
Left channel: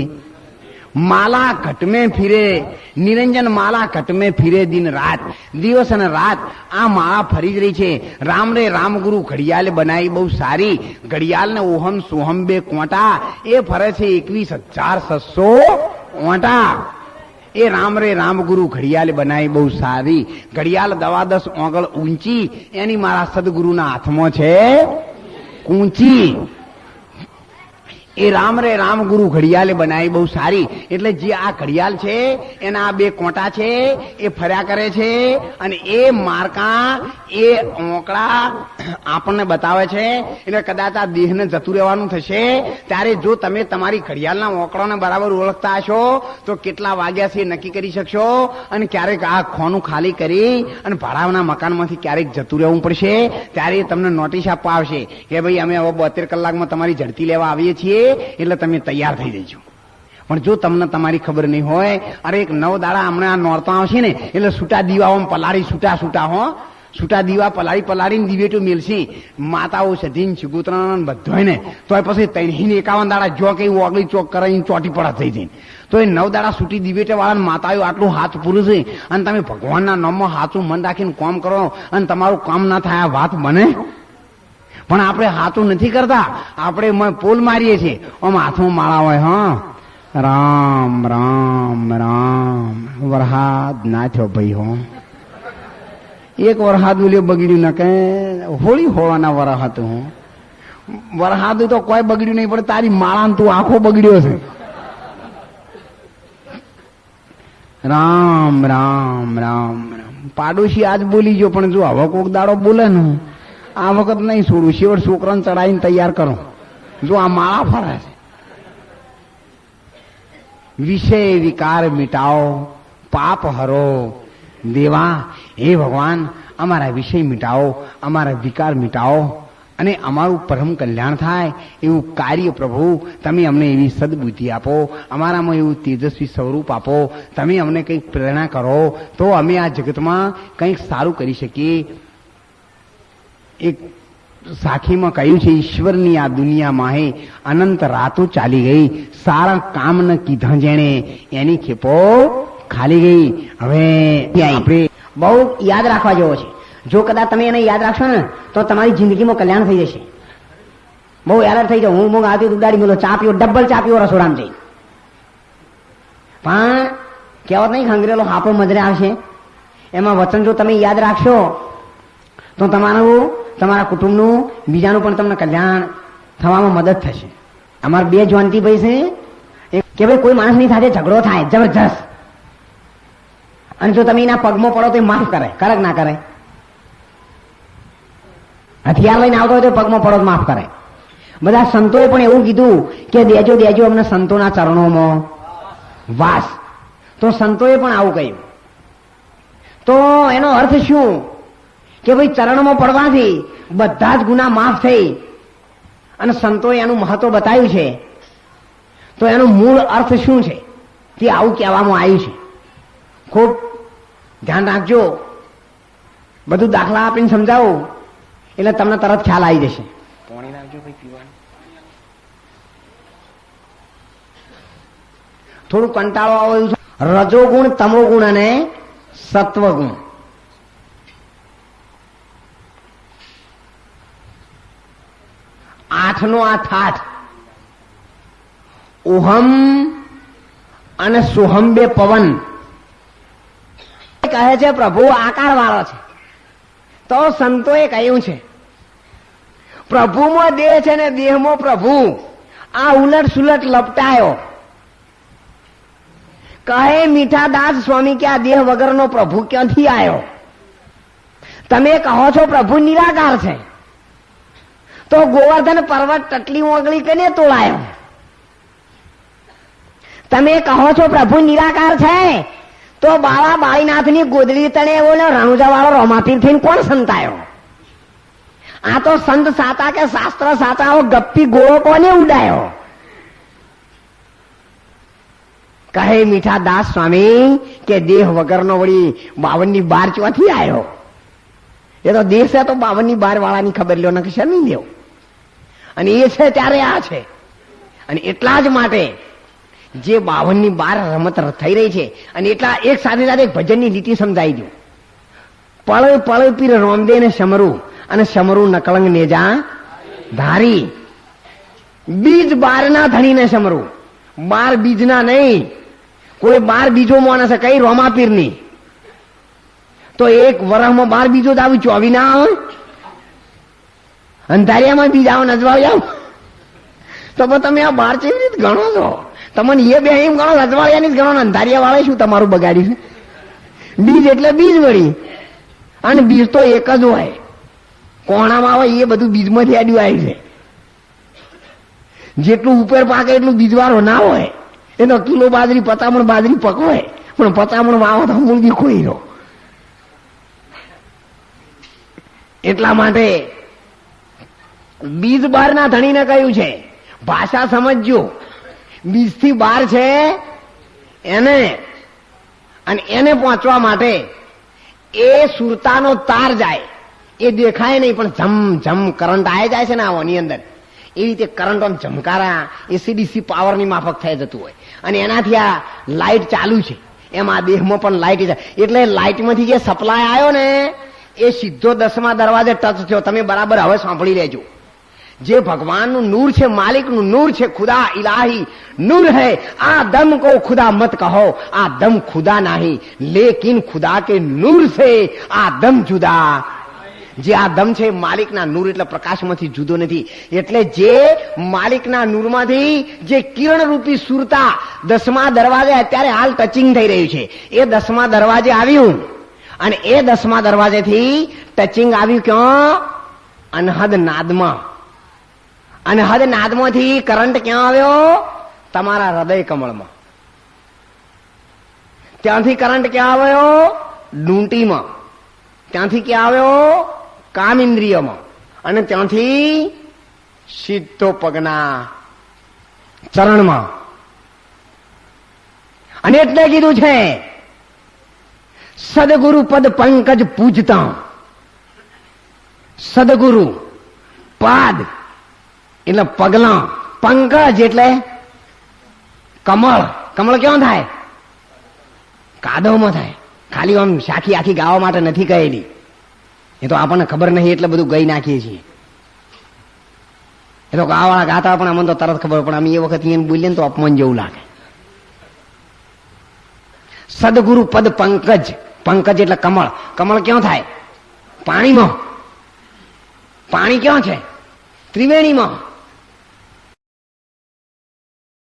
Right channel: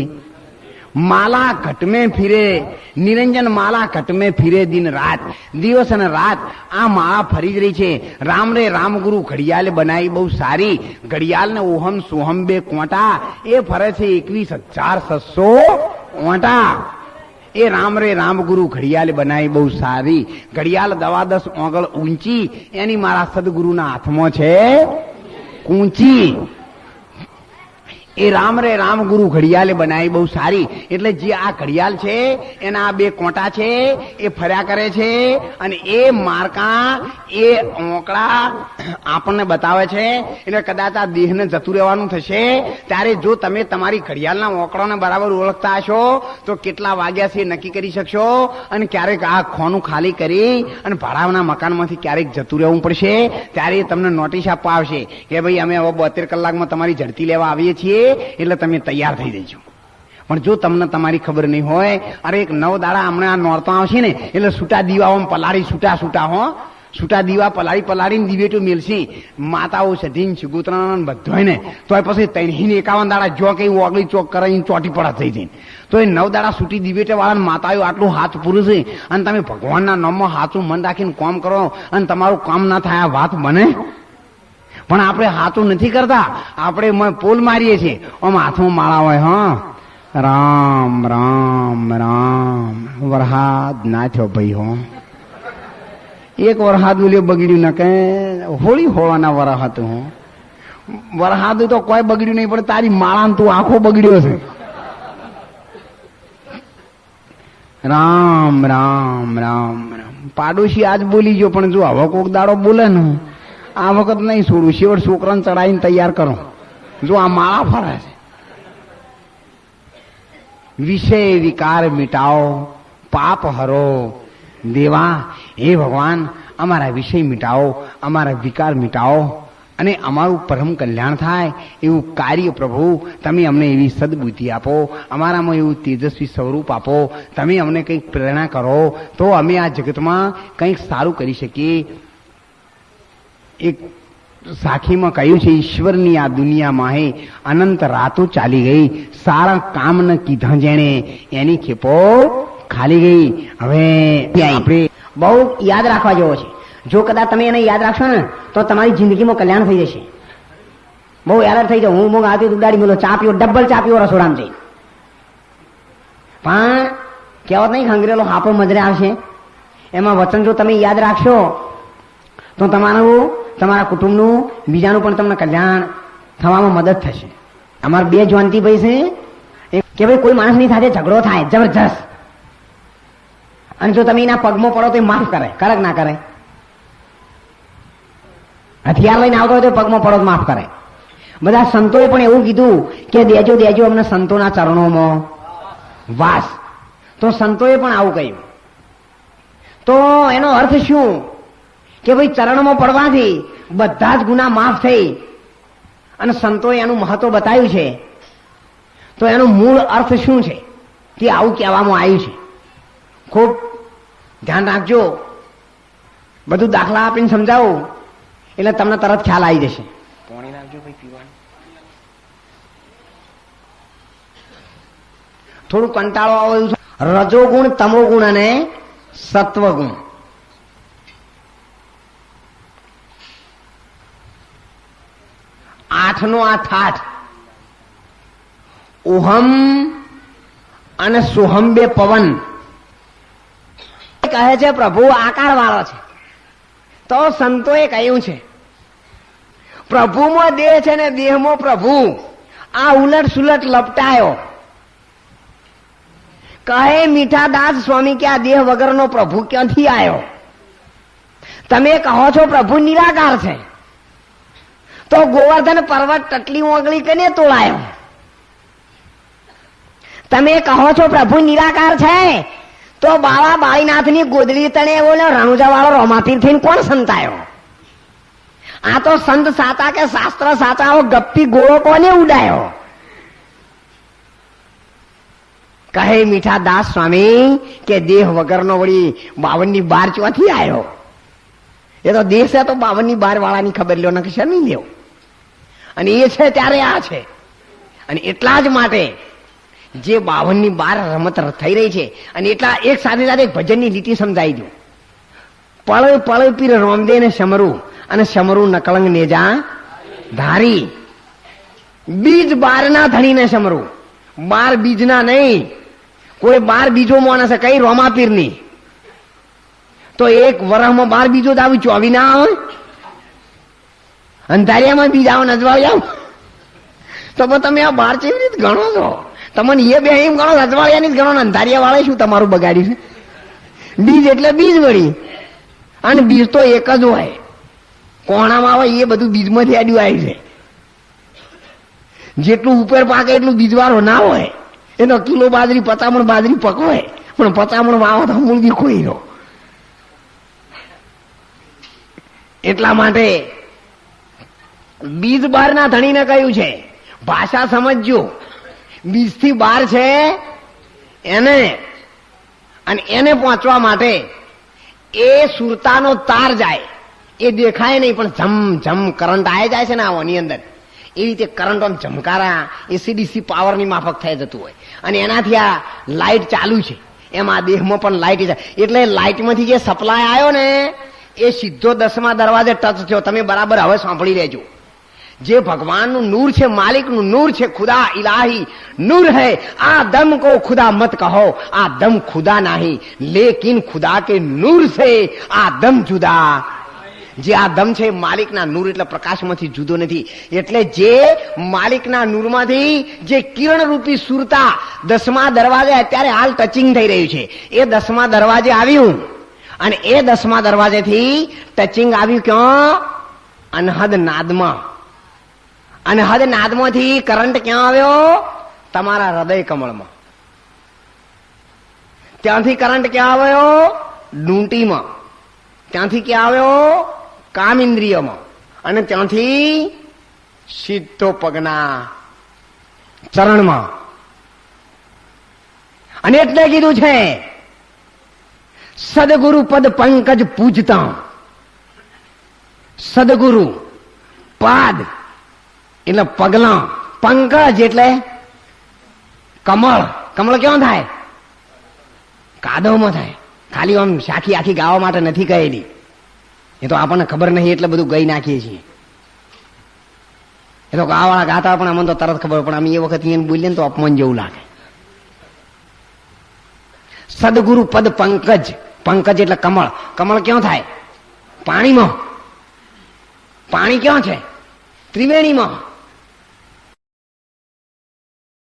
માલા ઘટ में ફિરે નિરંજન, માલા ઘટ में ફિરે દિન રાત, દિવસ અને રાત આ માળા ફરી જ રહી છે. રામ રે રામ ગુરુ ઘડિયાળ બનાવી બહુ સારી, ઘડિયાળ ને ઓહમ સોહમ 2 કોંટા એ ફરે છે 21,600 ઓંટા. એ રામ રે રામ ગુરુ ઘડિયાળ બનાવી બહુ સારી, ઘડિયાળ 10 ઓગળ ઊંચી, એની મારા સદગુરુના હાથમાં છે કૂંચી. એ રામ રે રામ ગુરુ ઘડિયાળ બનાવી બહુ સારી. એટલે જે આ ઘડિયાળ છે એના 2 કોંટા છે એ ફર્યા કરે છે અને એ માર્કા એ ઓંકળા આપણને બતાવે છે. એટલે કદાચ આ દેહને જતું રહેવાનું થશે ત્યારે જો તમે તમારી ઘડિયાળના ઓંકળાને બરાબર ઓળખતા હશો તો કેટલા વાગ્યા છે નક્કી કરી શકશો. અને ક્યારેક આ ખોનું ખાલી કરી અને ભાડાના મકાનમાંથી ક્યારેક જતું રહેવું પડશે ત્યારે તમને નોટિસ આપવા આવશે કે ભાઈ અમે હવે 72 કલાકમાં તમારી ઝડપી લેવા આવીએ છીએ, એટલે તમે તૈયાર થઈ જજો. પણ જો તમને તમારી ખબર નહીં હોય, અરે એક 9 દાડા હમણાં આ નોરતા આવશે ને એટલે છૂટા દીવાઓ પલાળી છૂટા હો છૂટા દીવા પલાળીને દિવેટો મેલશે માતાઓ સધીને ચિગોતરાને બધોય ને તો પછી 51 દાડા જો કે ઓગળી ચોક કરાવીને ચોટી પડા થઈ જાય તો એ 9 દાડા છૂટી દિવેટે વાળા માતાઓ આટલું હાથ પૂરું છે અને તમે ભગવાનના નામમાં હાથું મન રાખીને કામ કરો અને તમારું કામ ના થાય આ વાત બને? પણ આપણે હાથું નથી કરતા, આપણે પોલ મારીએ છીએ આમ હાથમાં માળા હોય. હા, રામ રામ રામ. વરહાદ ના થયો ભાઈ. હો, એક વરહાદ બોલ્યો બગડ્યું ના કે હોળી હોવાના વરહાતું. હો, વરહાદું તો કોઈ બગડ્યું નહીં, પણ તારી માળા તું આખો બગડ્યો છે. રામ રામ રામ રામ. પાડોશી આજ બોલી ગયો, પણ જો હવે કોક દાડો બોલે ને આ વખત નહીં છોડું. શેવટ છોકરાને ચડાવીને તૈયાર કરો. જો આ માળા ફરે છે. વિષય વિકાર મિટાઓ, પાપ હરો દેવા. હે ભગવાન, અમારા વિષય મિટાવો, અમારા વિકાર મિટાવો અને અમારું પરમ કલ્યાણ થાય એવું કાર્ય પ્રભુ તમે અમને એવી સદબુદ્ધિ આપો, અમારામાં એવું તેજસ્વી સ્વરૂપ આપો. તમે અમને કંઈક પ્રેરણા કરો તો અમે આ જગતમાં કંઈક સારું કરી શકીએ. એક સાખીમાં કહ્યું છે, ઈશ્વરની આ દુનિયામાં હે અનંત રાતો ચાલી ગઈ, સારા કામ ન કીધા જેણે એની ખેપો ખાલી ગઈ. હવે આપણે બહુ યાદ રાખવા જેવો છે. જો કદાચ તમે એને યાદ રાખશો ને તો તમારી જિંદગીમાં કલ્યાણ થઈ જશે. બહુ યાદ થઈ જાવ. હું આવતી ગાડી મેલો ચા પીવો, ડબલ ચા પીવો રસોડામાં જઈ. પણ કહેવત નહીં, ખંગરેલો હાપો મજરે આવશે. એમાં વચન જો તમે યાદ રાખશો તો તમારા કુટુંબનું, બીજાનું પણ તમને કલ્યાણ થવામાં મદદ થશે. અમારા 2 જયંતિભાઈ છે કે ભાઈ કોઈ માણસની સાથે ઝઘડો થાય જબરજસ્ત, અને જો તમે એના પગમાં પડો તો એ માફ કરે કે ના કરે? હથિયાર લઈને આવતો હોય તો પગમાં પડો તો માફ કરે. બધા સંતોએ પણ એવું કીધું કે દેજો દેજો અમને સંતોના ચરણોમાં વાસ. તો સંતોએ પણ આવું કહ્યું. તો એનો અર્થ શું કે ભાઈ ચરણમાં પડવાથી બધા જ ગુના માફ થઈ, અને સંતોએ એનું મહત્વ બતાવ્યું છે. તો એનું મૂળ અર્થ શું છે તે આવું કહેવામાં આવ્યું છે. ખૂબ ધ્યાન રાખજો. બધું દાખલા આપીને સમજાવું એટલે તમને તરત ખ્યાલ આવી જશે. થોડું કંટાળો આવે એવું છે. રજોગુણ, તમોગુણ અને સત્વગુણ. આઠનો આ ઠાઠ ઓહમ અને સોહમ બે પવન કહે છે પ્રભુ આકાર વાળો છે. તો સંતોએ કહ્યું છે પ્રભુમાં દેહ છે ને દેહમાં પ્રભુ. આ ઉલટ સુલટ લપટાયો. કહે મીઠાદાસ સ્વામી કે આ દેહ વગરનો પ્રભુ ક્યાંથી આવ્યો? તમે કહો છો પ્રભુ નિરાકાર છે, તો ગોવર્ધન પર્વત ટટલી ઓગળી કને તોડાયો? તમે કહો છો પ્રભુ નિરાકાર છે, તો બાવા બાળીનાથની ગોદડી તળે ઓલો રણુજા વાળો રોમાપીર થઈને કોણ સંતાયો? આ તો સંત સાતા કે શાસ્ત્ર સાચા ગપ્પી ગોળો કોને ઉડાયો? કહે મીઠા દાસ સ્વામી કે દેહ વગરનો વળી 52 ચોથી આવ્યો? એ તો દેહ છે તો 52 વાળાની ખબર લ્યો, નકર શરમી લ્યો. અને એ છે ત્યારે આ છે. અને એટલા જ માટે જે 52 રમત થઈ રહી છે, અને એટલા એક સાથે સાથે ભજનની લીટી સમજાઈ દઉં. પળ પળ પીર રોમદે ને સમરું, અને સમરું નકલંગ નેજા ધારી. બીજ 12 ના ધણીને સમરું, 12 બીજના નહીં. કોઈ 12 બીજો માણસ કઈ રોમાપીર ની, તો એક વરસમાં 12 બીજો જ આવી 24 ના આવે? અંધારિયામાં બીજ આવો, નજવાળિયા તો તમે આ 12 કેવી રીતે ગણો છો? તમને એ બે એમ ગણો, રજવાડિયાની જ ગણો, અંધારિયા વાળા શું તમારું બગાડી છે? બીજ એટલે બીજ વળી, અને બીજ તો એક જ હોય. કોણામાં આવે એ બધું બીજમાંથી આડ્યું આવી છે. જેટલું ઉપર પાકે એટલું બીજવાળો ના હોય. એનો કિલો બાજરી 50 મણ બાજરી પકવાય, પણ 50 મણ વાવો તો મૂળ બી ખોઈ લો. એટલા માટે બીજ 12 ના ધણીને કહ્યું છે. ભાષા સમજજો. બીજથી 12 છે એને, અને એને પહોંચવા માટે એ સુરતાનો તાર જાય, એ દેખાય નહીં પણ જમ જમ કરંટ આવી જાય છે ને આની અંદર, એ રીતે કરંટ ઝમકારા એસીડીસી પાવરની માફક થઈ જતું હોય, અને એનાથી આ લાઇટ ચાલુ છે, એમાં આ દેહમાં પણ લાઇટ જાય, એટલે લાઇટમાંથી જે સપ્લાય આવ્યો ને એ સીધો 10મા દરવાજે ટચ થયો. તમે બરાબર હવે સાંભળી લેજો. જે ભગવાનનું નૂર છે, માલિકનું નૂર છે, ખુદા ઇલાહી नूर है, आ दम को खुदा मत कहो, आ दम खुदा नहीं, लेकिन खुदा के नूर से आ दम जुदा. જે આ દમ છે માલિકના નૂર એટલે પ્રકાશમાંથી જુદો નથી. એટલે જે માલિકના નૂરમાંથી જે કિરણ રૂપી સુરતા 10મા દરવાજે અત્યારે હાલ ટચિંગ થઈ રહ્યું છે, એ 10મા દરવાજે આવ્યું, અને એ 10મા દરવાજેથી ટચિંગ આવ્યું ક્યાં? અનહદ નાદમાં. અનહદ નાદમાંથી કરંટ ક્યાં આવ્યો? તમારા હૃદય કમળમાં. ત્યાંથી કરંટ ક્યાં આવ્યો? ડૂંટીમાં. ત્યાંથી ક્યાં આવ્યો? કામ ઇન્દ્રિયમાં. અને ત્યાંથી સીધો પગના ચરણમાં. અને એટલે કીધું છે સદગુરુ પદ પંકજ પૂજતા. સદગુરુ પાદ એટલે પગલા, પંકજ એટલે કમળ. કમળ કેવો થાય? કાદવમાં થાય. ખાલી આમ સાખી આખી ગાવા માટે નથી કહેલી, એ તો આપણને ખબર નહીં એટલે બધું ગઈ નાખીએ છીએ. એ તો ગાવાળા ગાતા પણ અમને તો તરત ખબર, પણ અમે એ વખત એને બોલીએ ને તો અપમાન જેવું લાગે. સદગુરુ પદ પંકજ. પંકજ એટલે કમળ. કમળ ક્યાં થાય? પાણીમાં. પાણી ક્યાં છે? ત્રિવેણીમાં.